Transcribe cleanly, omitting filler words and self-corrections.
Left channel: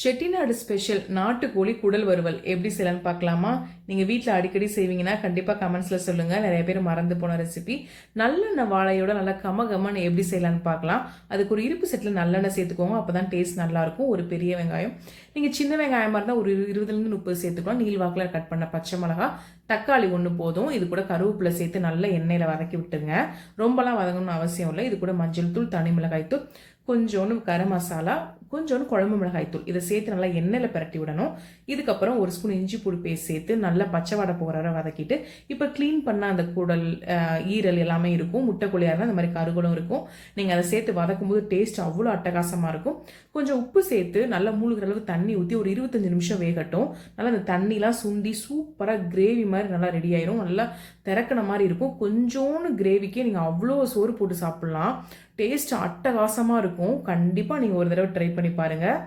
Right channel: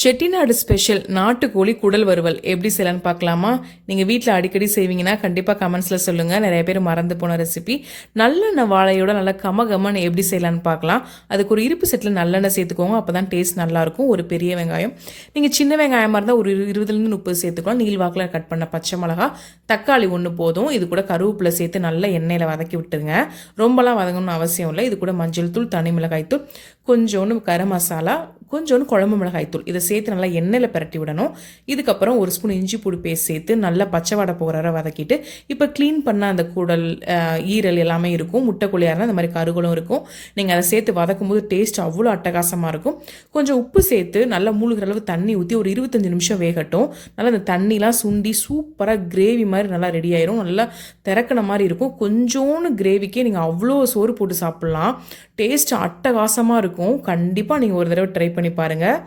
Chettinad special நாட்டுக்கோழி குடல் வறுவல் எப்படி செய்யலான்னு பார்க்கலாமா? நீங்கள் வீட்டில் அடிக்கடி செய்வீங்கன்னா கண்டிப்பாக கமெண்ட்ஸில் சொல்லுங்கள். நிறைய பேர் மறந்து போன ரெசிபி. நல்லெண்ணெய் வாழையோட நல்லா கமகமன்னு எப்படி செய்யலான்னு பார்க்கலாம். அதுக்கு ஒரு இருப்பு செட்டில் நல்லெண்ணெய் சேர்த்துக்கோங்க. அப்போ தான் டேஸ்ட் நல்லாயிருக்கும். ஒரு பெரிய வெங்காயம், நீங்கள் சின்ன வெங்காயமாக இருந்தால் ஒரு 20-30 சேர்த்துக்கலாம். நீள்வாக்கில் கட் பண்ண பச்சை மிளகா, தக்காளி ஒன்று போதும். இது கூட கருவேப்பிலை சேர்த்து நல்லா எண்ணெயில் வதக்கி விட்டுருங்க. ரொம்பலாம் வதங்கணும்னு அவசியம் இல்லை. இது கூட மஞ்சள் தூள், தனி மிளகாய் தூள், கொஞ்சோண்டு கரம் மசாலா, கொஞ்சோண்டு குழம்பு மிளகாய் தூள் இதை சேர்த்து நல்லா எண்ணெயில் பரட்டி விடணும். இதுக்கப்புறம் ஒரு ஸ்பூன் இஞ்சி பூடி பேஸ்ட் சேர்த்து நல்லா பச்சை வடை போகிற வதக்கிட்டு, இப்போ க்ளீன் பண்ண அந்த குடல், ஈரல் எல்லாமே இருக்கும். முட்டைக்குள்ளையாக இருந்தால் இந்த மாதிரி கருகளும் இருக்கும். நீங்கள் அதை சேர்த்து வதக்கும் போது டேஸ்ட் அவ்வளோ அட்டகாசமாக இருக்கும். கொஞ்சம் உப்பு சேர்த்து நல்லா மூழ்கிற அளவு தண்ணி ஊற்றி ஒரு 25 நிமிஷம் வேகட்டும். நல்லா அந்த தண்ணிலாம் சுண்டி சூப்பராக கிரேவி மாதிரி நல்லா ரெடி ஆயிரும். நல்லா திறக்கின மாதிரி இருக்கும். கொஞ்சோன்னு கிரேவிக்கே நீங்கள் அவ்வளோ சோறு போட்டு சாப்பிட்லாம். டேஸ்ட் அட்டகாசமாக இருக்கும். கண்டிப்பாக நீங்கள் ஒரு தடவை ட்ரை பண்ணி பாருங்கள்.